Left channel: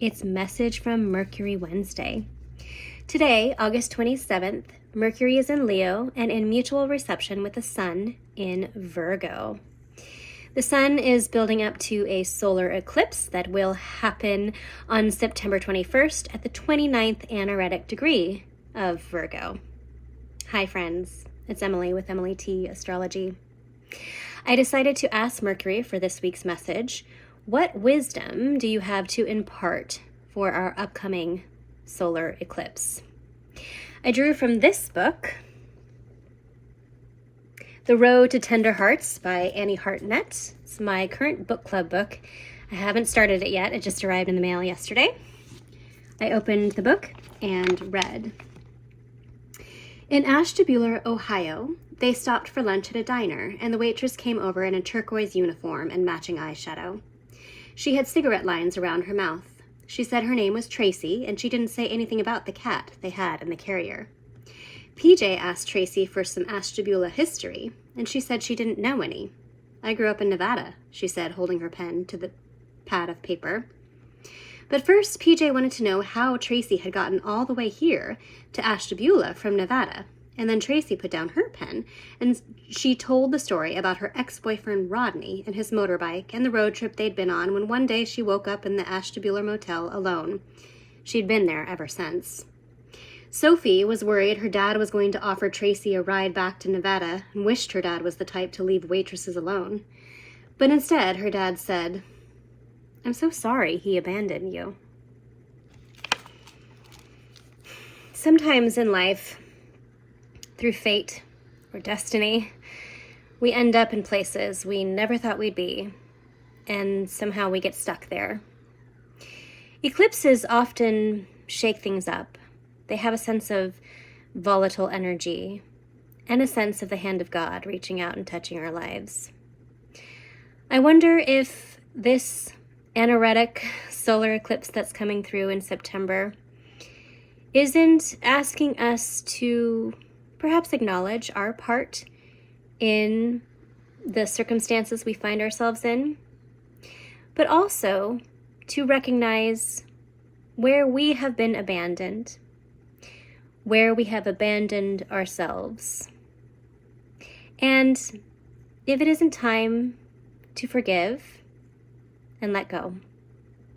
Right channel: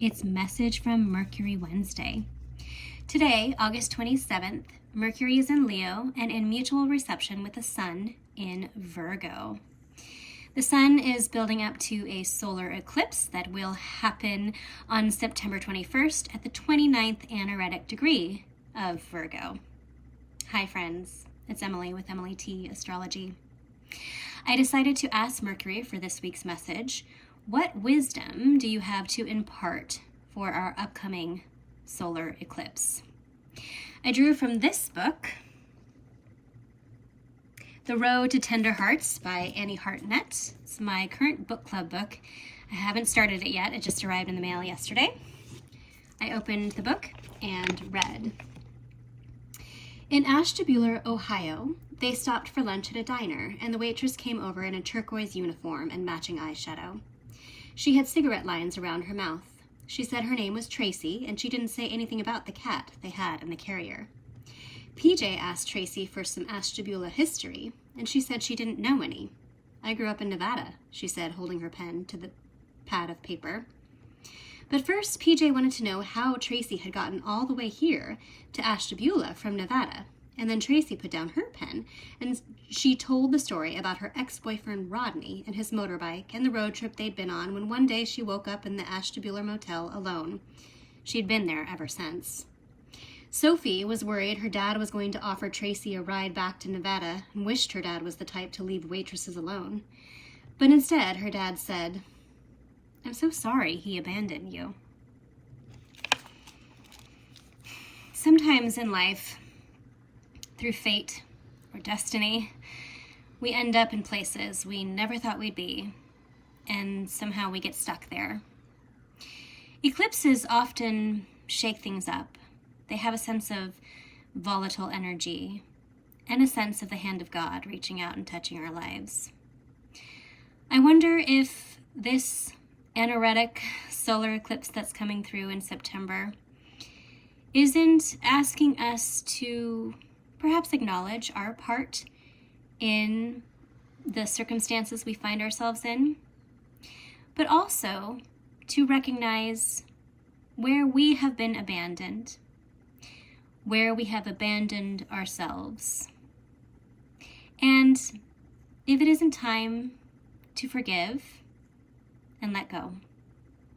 It's Message from Mercury Wednesday. Today, August 27th, Mercury is in Leo and in mutual reception with the Sun in Virgo. The Sun is building up to a solar eclipse that will happen on September 21st at the 29th anaretic degree of Virgo. Hi friends, it's Emily with Emily T Astrology. I decided to ask Mercury for this week's message, what wisdom do you have to impart for our upcoming solar eclipse? I drew from this book, The Road to Tender Hearts by Annie Hartnett. It's my current book club book. I haven't started it yet. It just arrived in the mail yesterday. I opened the book and read. In Ashtabula, Ohio, they stopped for lunch at a diner, and the waitress came over in a turquoise uniform and matching eyeshadow. She had cigarette lines around her mouth. She said her name was Tracy, and she didn't say anything about the cat they had in the carrier. PJ asked Tracy for some Ashtabula history, and she said she didn't know any. I grew up in Nevada, she said, holding her pen to the pad of paper. But first, PJ wanted to know how Tracy had gotten all the way here to Ashtabula from Nevada. And then Tracy put down her pen, and she told the story about her ex-boyfriend Rodney and his motorbike and the road trip they'd been on when one day she woke up in the Ashtabula motel alone. She'd been there ever since. Sophie was worried her dad was going to offer Tracy a ride back to Nevada and wished her dad was the type to leave waitresses alone. But instead, her dad said, "I'm so sorry he abandoned you." Sometimes in life, through fate or destiny, we end up in places we never thought we'd be, and somehow we get stuck there. Eclipses often shake things up. They have a sense of volatile energy and a sense of the hand of God reaching out and touching our lives. I wonder if this anaretic solar eclipse that's coming through in September isn't asking us to perhaps acknowledge our part in the circumstances we find ourselves in, but also to recognize where we have been abandoned, where we have abandoned ourselves, and if it isn't time to forgive and let go.